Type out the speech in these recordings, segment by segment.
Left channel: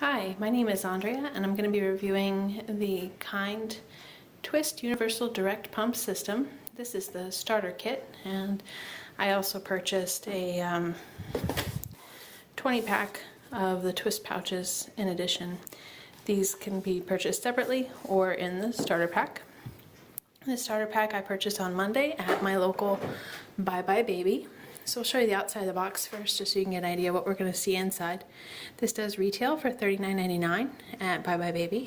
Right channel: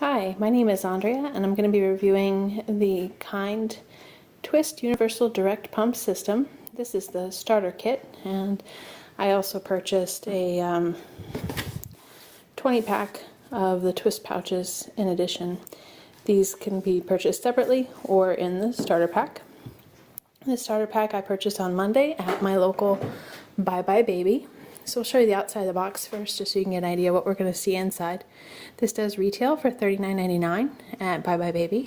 Hi, my name is Andrea and I'm going to be reviewing the Kiinde Twist Universal Direct Pump System. This is the starter kit, and I also purchased a 20 pack of the twist pouches in addition. These can be purchased separately or in the starter pack. The starter pack I purchased on Monday at my local Bye Bye Baby. So I'll show you the outside of the box first, just so you can get an idea what we're going to see inside. This does retail for $39.99 at Bye Bye Baby,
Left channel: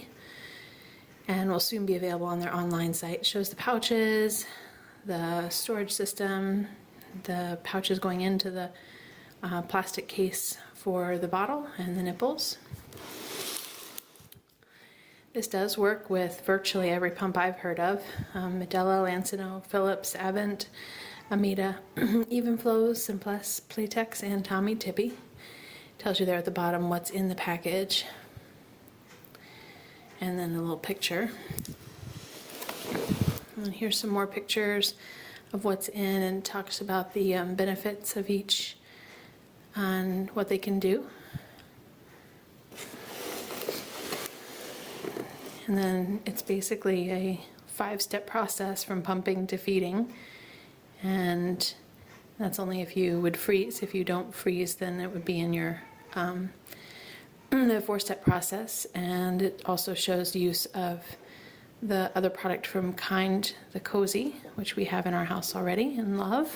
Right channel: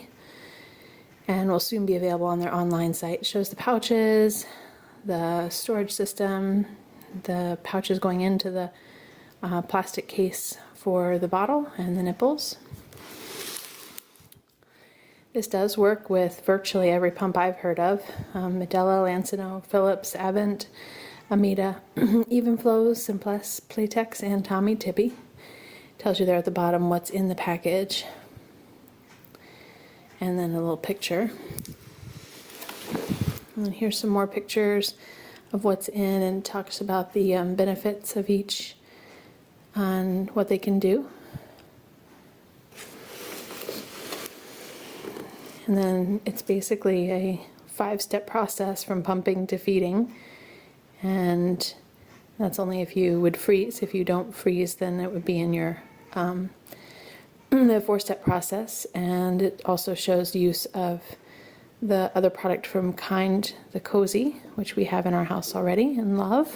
and will soon be available on their online site. It shows the pouches, the storage system, the pouches going into the plastic case for the bottle, and the nipples. This does work with virtually every pump I've heard of. Medela, Lancino, Philips, Avent, Amita, Evenflows, Simplex, Playtex, and Tommy Tippy. Tells you there at the bottom what's in the package. And then a little picture. And here's some more pictures of what's in, and talks about the benefits of each and what they can do. And then it's basically a 5-step process from pumping to feeding. And that's only if you would freeze. If you don't freeze, then it would be in your the 4-step process. And it also shows the use of the other product from Kiinde, the Cozy, which we have in our house already and love.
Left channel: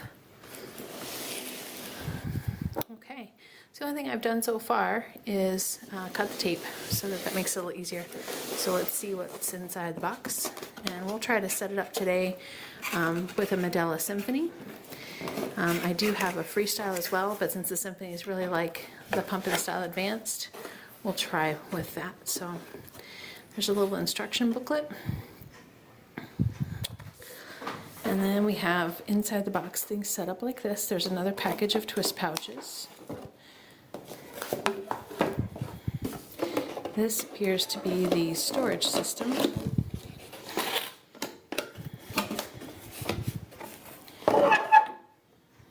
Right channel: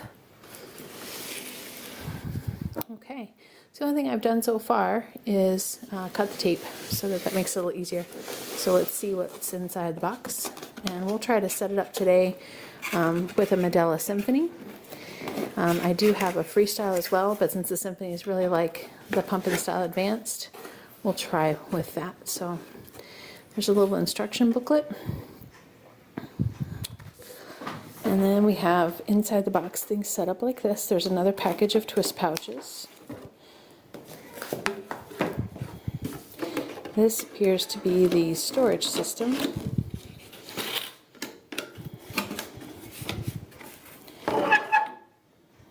Okay, so the only thing I've done so far is cut the tape so that makes it a little easier. So let's see what's inside the box. And we'll try to set it up today with a Medela Symphony. I do have a freestyle as well, but since the Symphony is really like the Pump and Style Advanced, we'll try with that. So there's a little instruction booklet. And then we have inside the box things set up like this. There's another package of twist pouches. This appears to be the storage system.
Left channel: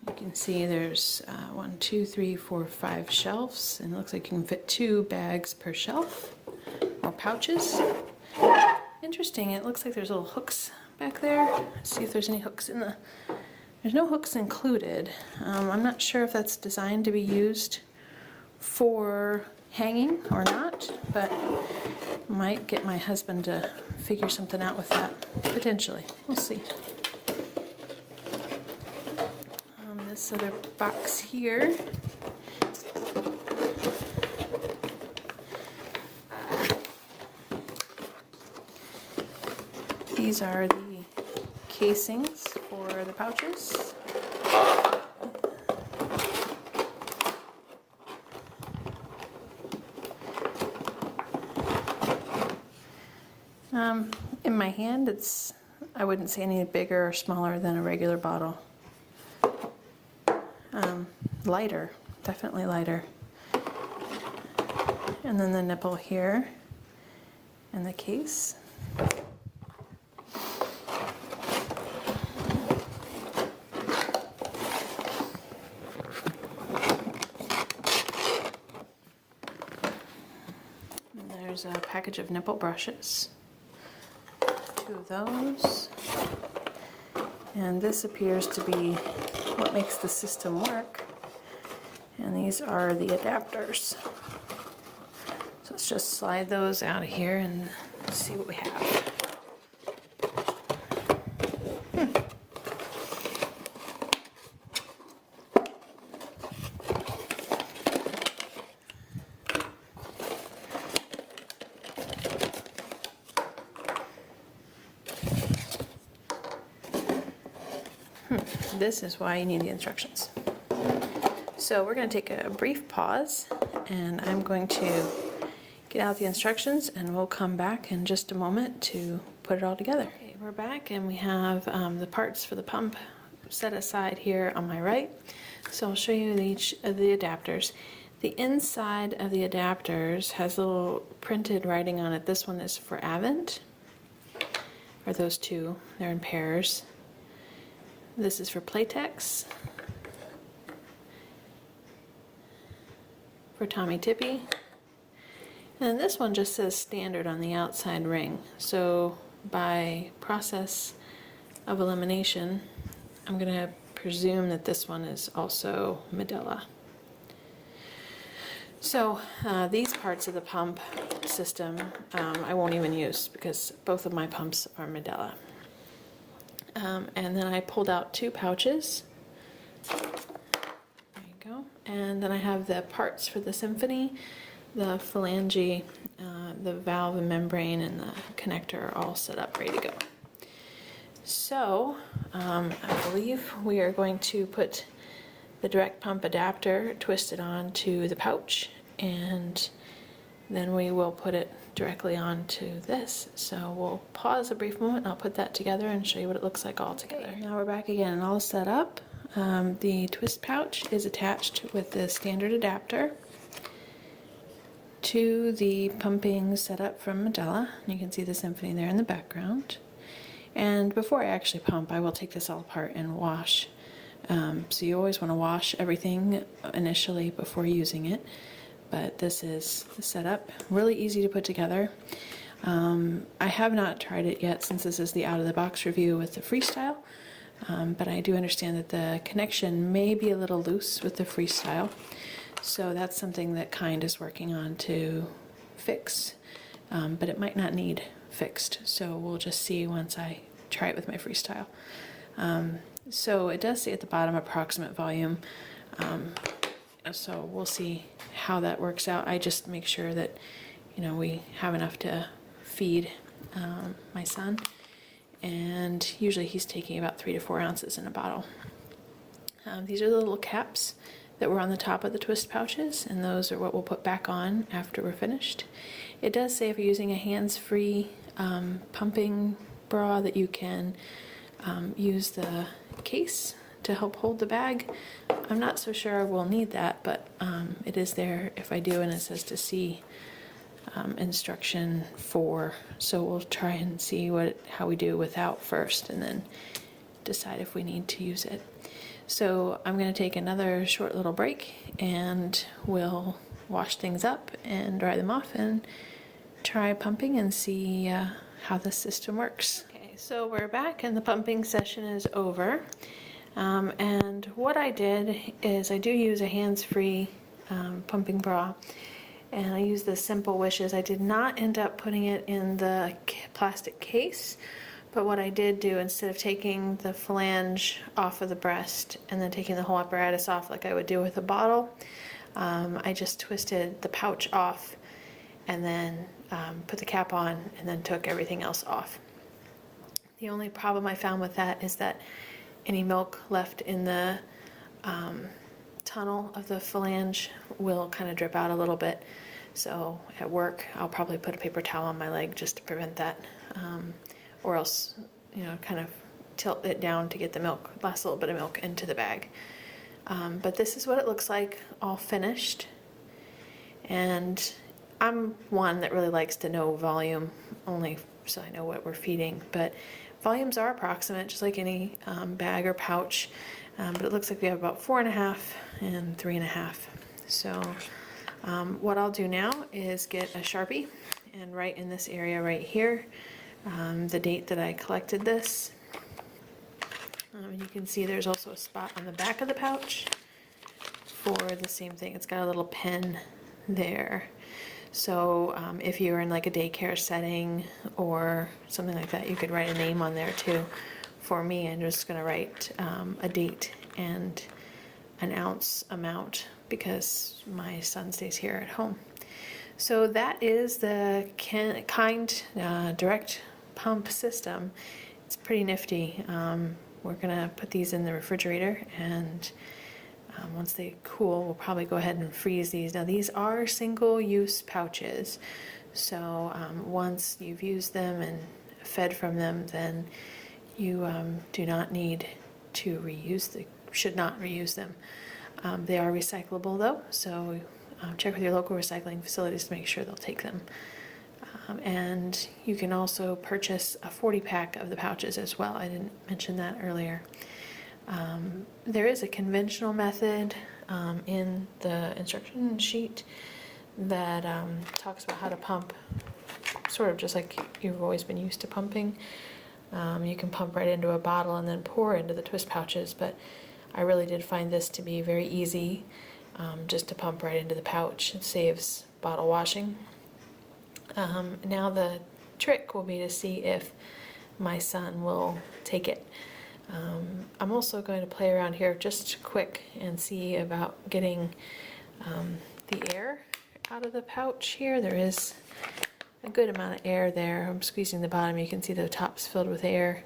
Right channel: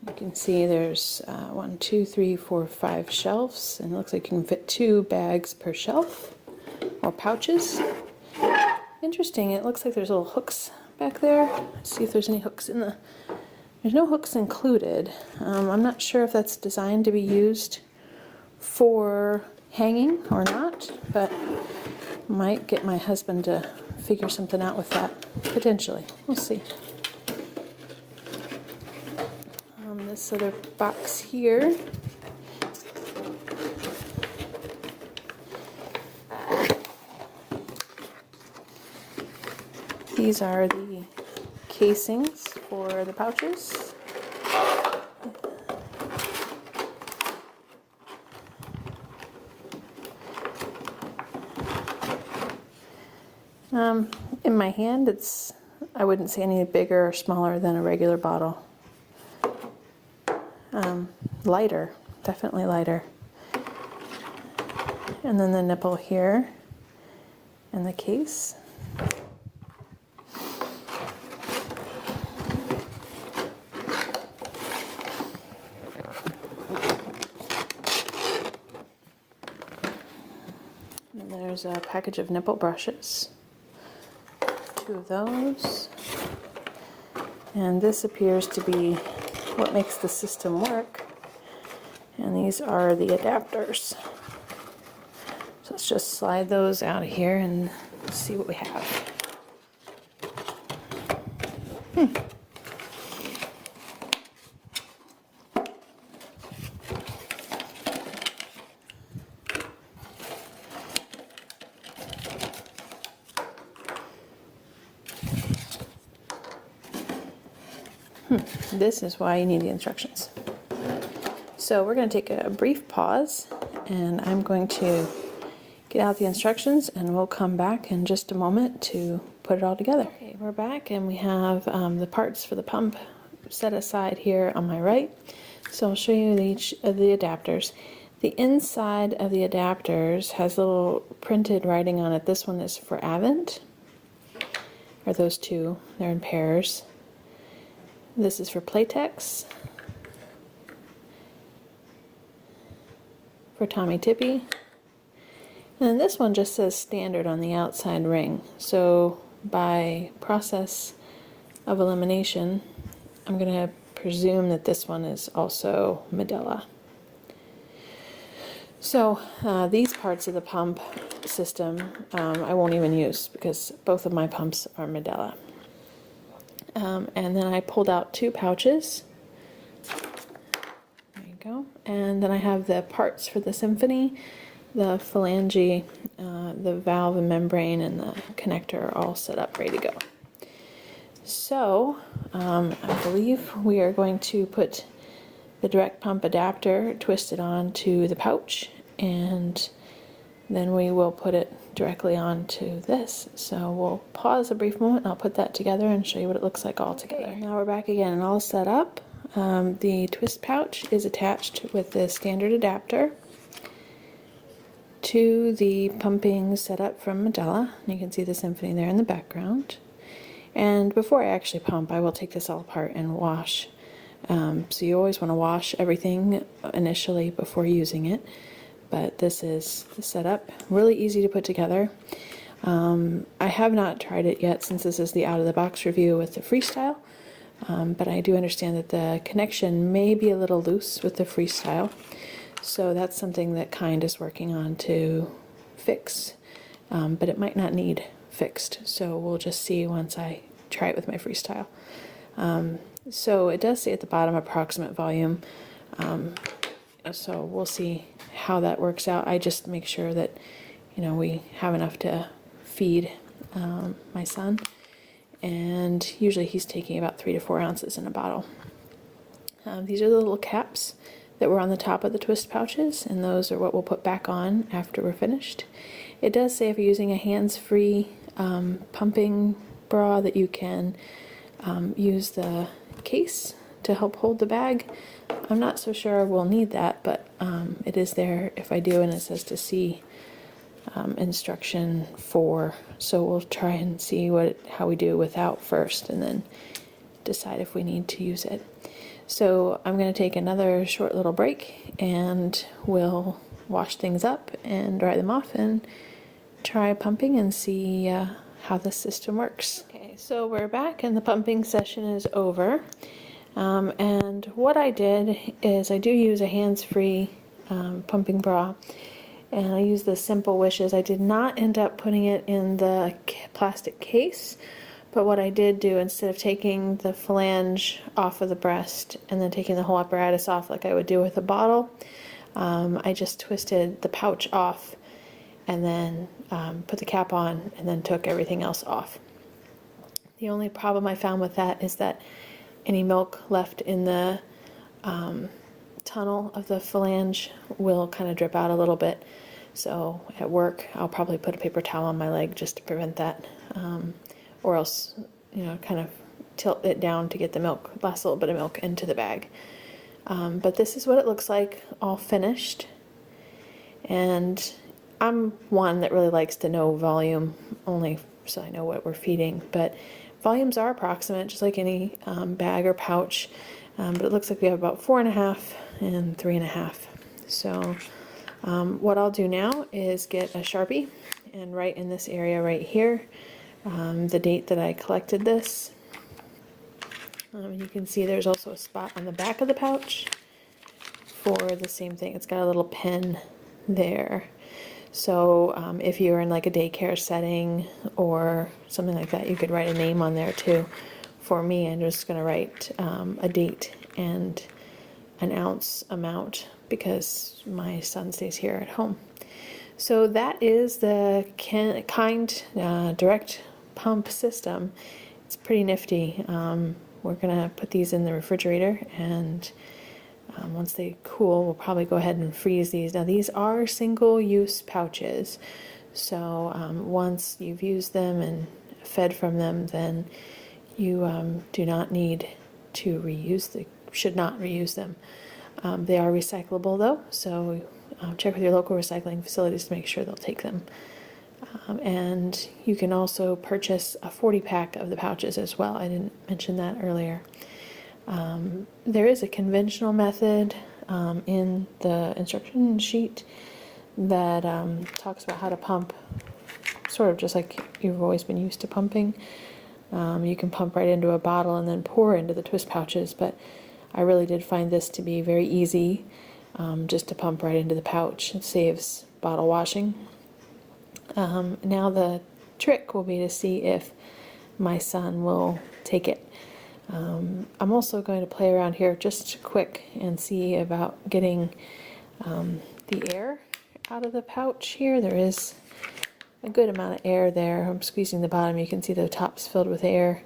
You can see there's 1, 2, 3, 4, 5 shelves, and it looks like you can fit 2 bags per shelf, or pouches. Interesting, it looks like there's little hooks back there. Let's see if there's any hooks in the... There's no hooks included. I'm not sure if that's designed to be used for hanging or not, but might get my husband to figure something out with that, potentially. We'll see. This other box here these are the casings for the pouches. In my hand, I wouldn't say any bigger or smaller than a regular bottle. Lighter, definitely lighter. And then the nipple here, and the case. And there's a package of nipple brushes. 2 of those. And this appears to be what makes the system work. And these are the adapters. So let's just slide those out of here and see what we have. This is why you need the instructions. So we're going to take a brief pause, and I'm going to get out the instructions, and we'll come back in just a moment to put it all together. Okay, we're back, and we have the parts for the pump set aside here on my right. So I'll show you each of the adapters. The inside of the adapters has little printed writing on it. This one is for Avent, or those two, they're in pairs. This is for Playtex, for Tommy Tippy, And this one just says standard on the outside ring. So by process of elimination, I'm going to presume that this one is also Medela. So these parts of the pump system I won't even use because both of my pumps are Medela. And then I pulled out 2 pouches. There you go. And then I have the parts for the Symphony, the phalange, the valve and membrane, and the connector are all set up, ready to go. So I believe we are going to put the direct pump adapter twisted onto the pouch, and then we will put it directly onto this. So we'll pause a brief moment, I'll put that together and show you what it looks like all together. Now we're back again and all set up. The twist pouch is attached with the standard adapter to the pumping setup from Medela. You can see the Symphony there in the background. And before I actually pump, I will take this all apart and wash. So you always want to wash everything initially before using it. But this is set up, really easy to put together. I have not tried it yet since this is the out-of-the-box review with the Freestyle. But I do understand that the connection may be a little loose with the Freestyle. So that's something that Kiinde is working on to fix. But it might not need fixed, so we'll just see once I try it with my Freestyle. So it does say at the bottom approximate volume, so we'll see how that works out. I just make sure that we have enough to feed my son, and usually he's taking about 3 to 4 ounces in a bottle. These are the little caps that were on the top of the twist pouches, and those are what we'll put back on after we're finished. It does say if you're using a hands-free pumping bra that you can use the case to help hold the bag. I'm not so sure we'll need that, but it is there if I do, and it says to see instruction 4. So we'll try and see how we do without first, and then decide if we need to use it. So I'm going to take another short little break, and we'll wash things up and dry them off and try pumping and see how the system works. Okay, so we're back and the pumping session is over. And what I did is I do use a hands-free pumping bra, and I use the Simple Wishes. I did not end up putting it in the plastic case, but what I did do, instead of taking the flange off of the breast and then taking the whole apparatus off like I would do with a bottle, I just twisted the pouch off and then put the cap on and then took everything else off. The only problem I found with that is that any milk left in the tunnel of the phalange will kind of drip out a little bit. So at work, I'll probably put a paper towel on my leg just to prevent that, or else, kind of tilt it down to get the milk, last little bit of milk into the bag. But this is what it looks like, all finished. And I'm one that really likes to know volume, only so I know what we're feeding. But volumes are approximate, just like any bag or pouch. But it looks like we have about 4.5 and 3.5. So what I'll do now is get a Sharpie and write in this area right here the date that I collected this. You can see there's also a spot on the back of the pouch for the same thing. It's got a little pin there. So if you're in like a daycare setting or something like that, you could write a name on there too. For me, I'm just going to write a date and an ounce amount because my son stays here at home. So that is the Kiinde direct pump system. It's pretty nifty. We're going to put these in the refrigerator, and once they cool, we'll probably go ahead and freeze these. Now these are single-use pouches, so once you've used them and fed from them, then you do not need to should not reuse them. They are recyclable though, so check with your local recycling facilities to make sure they'll take them. And you can also purchase a 40-pack of the pouches as well. I didn't mention that earlier. There is a conventional method in the instruction sheet that talks about how to pump, sort of just like you've always been used to pumping. You can pump right into a bottle and then pour into the twist pouches, but I really did find this to be very easy, just to pump right into the pouch. It saves bottle washing. Now the trick will be to see if my son will take it. I'm also going to play around here just quick and see about getting the air out of the pouch here. There is a good amount of air there. I'm squeezing the bottom. You can see the top's filled with air,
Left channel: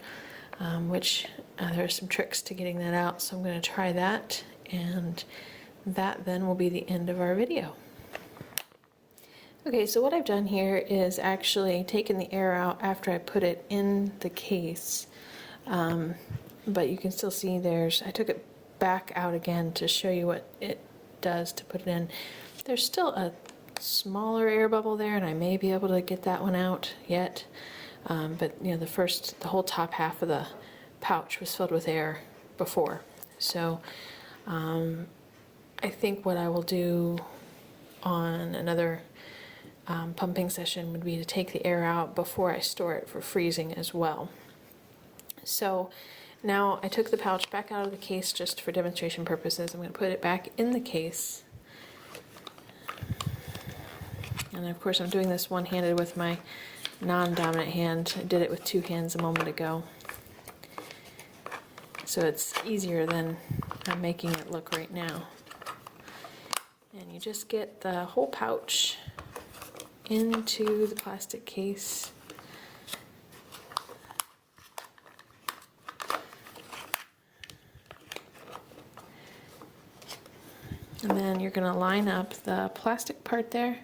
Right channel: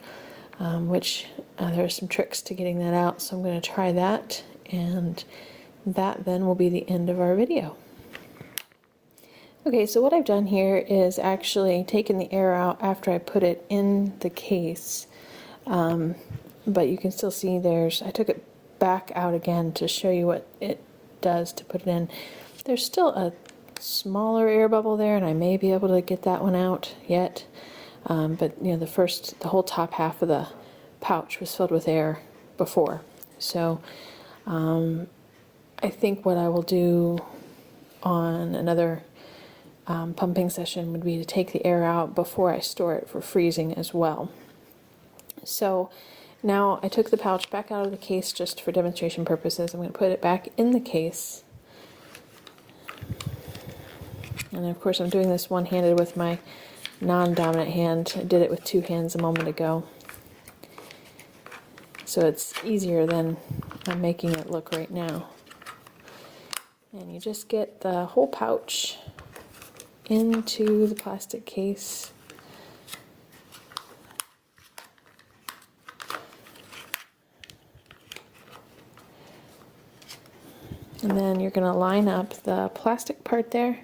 which there are some tricks to getting that out. So I'm going to try that, and that then will be the end of our video. Okay, so what I've done here is actually taken the air out after I put it in the case, but you can still see I took it back out again to show you what it does to put it in. There's still a smaller air bubble there, and I may be able to get that one out yet, but you know, the whole top half of the pouch was filled with air before. So I think what I will do on another pumping session would be to take the air out before I store it for freezing as well. So now I took the pouch back out of the case just for demonstration purposes. I'm going to put it back in the case. And of course I'm doing this one-handed with my non-dominant hand. I did it with two hands a moment ago. So it's easier than I'm making it look right now. And you just get the whole pouch into the plastic case. And then you're going to line up the plastic part there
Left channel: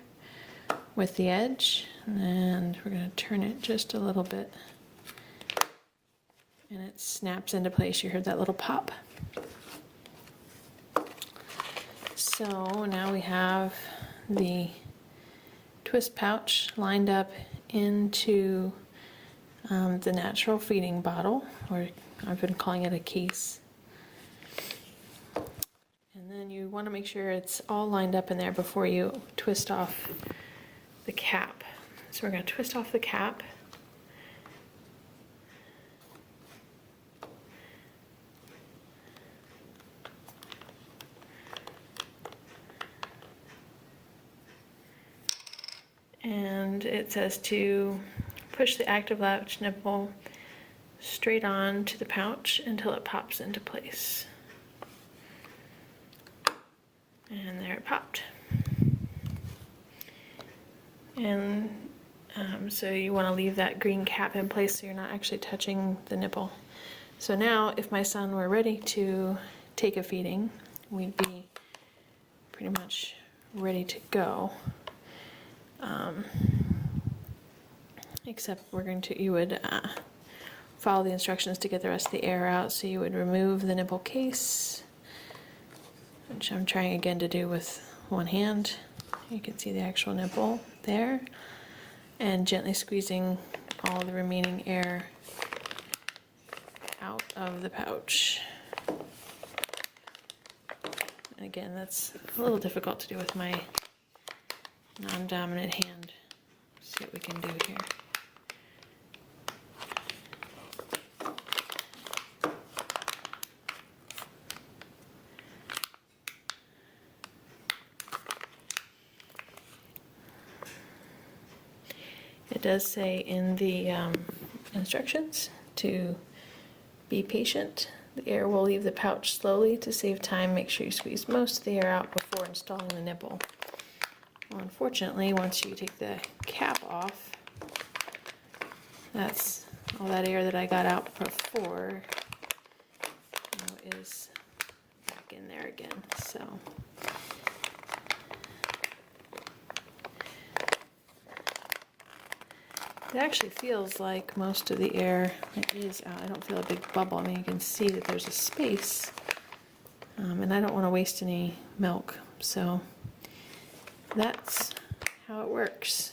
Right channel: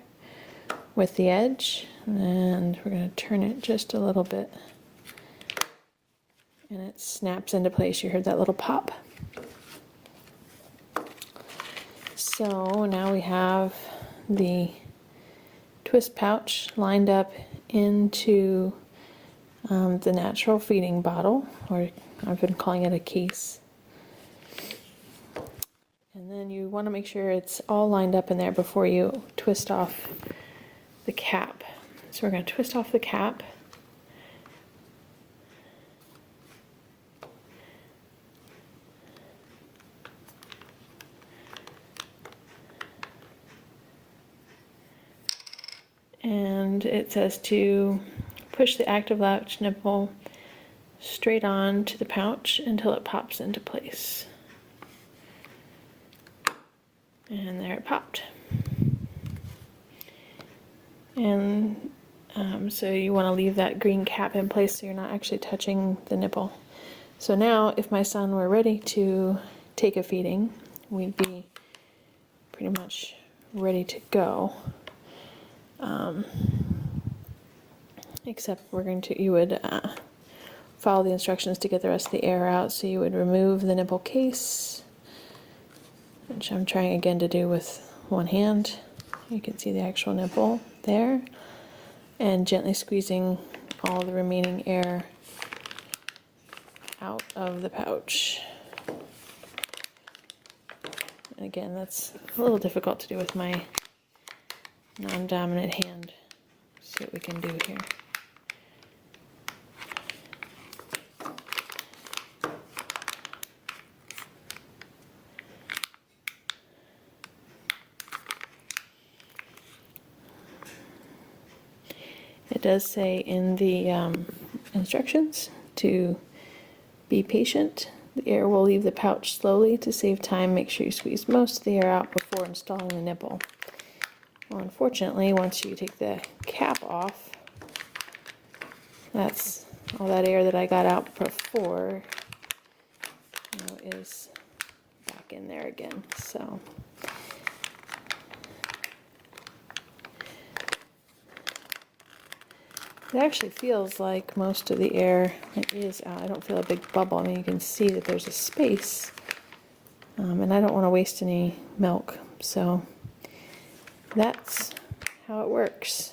with the edge, and we're going to turn it just a little bit, and it snaps into place. You heard that little pop. So now we have the twist pouch lined up into the natural feeding bottle, or I've been calling it a case. And then you want to make sure it's all lined up in there before you twist off the cap. So we're going to twist off the cap. And it says to push the active latch nipple straight on to the pouch until it pops into place. And there it popped. And so you want to leave that green cap in place so you're not actually touching the nipple. So now if my son were ready to take a feeding, we'd be pretty much ready to go. Except you would follow the instructions to get the rest of the air out. So you would remove the nipple case, which I'm trying again to do with one hand. You can see the actual nipple there, and gently squeezing all the remaining air out of the pouch. And again, that's a little difficult to do with my non-dominant hand. Let's see what we can do here. It does say in the instructions to be patient. The air will leave the pouch slowly. To save time, make sure you squeeze most of the air out before installing the nipple. Well, unfortunately, once you take the cap off, that's all that air that I got out before, is back in there again. So it actually feels like most of the air is out. I don't feel a big bubble. I mean, you can see that there's a space, and I don't want to waste any milk, so that's how it works.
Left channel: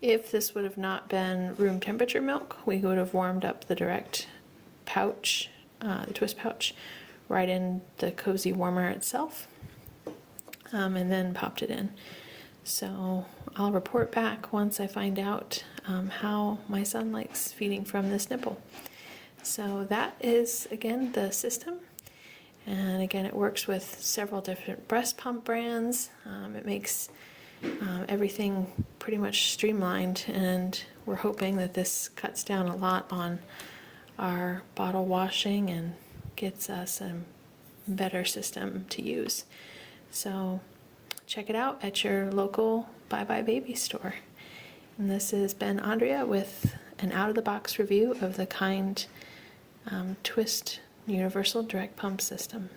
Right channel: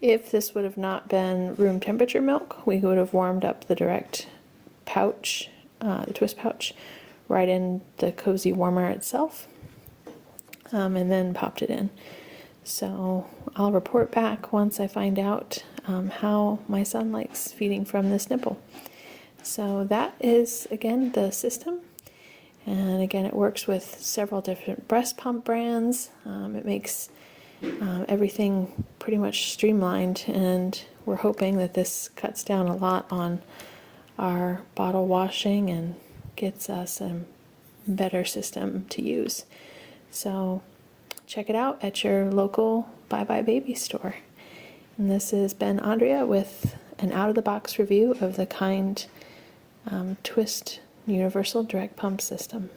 If this would have not been room temperature milk, we would have warmed up the direct pouch, the twist pouch, right in the cozy warmer itself, and then popped it in. So I'll report back once I find out how my son likes feeding from this nipple. So that is, again, the system. And again, it works with several different breast pump brands. It makes everything pretty much streamlined, and we're hoping that this cuts down a lot on our bottle washing and gets us a better system to use. So check it out at your local Bye Bye Baby store. And this has been Andrea with an out-of-the-box review of the Kiinde Twist Universal Direct Pump System.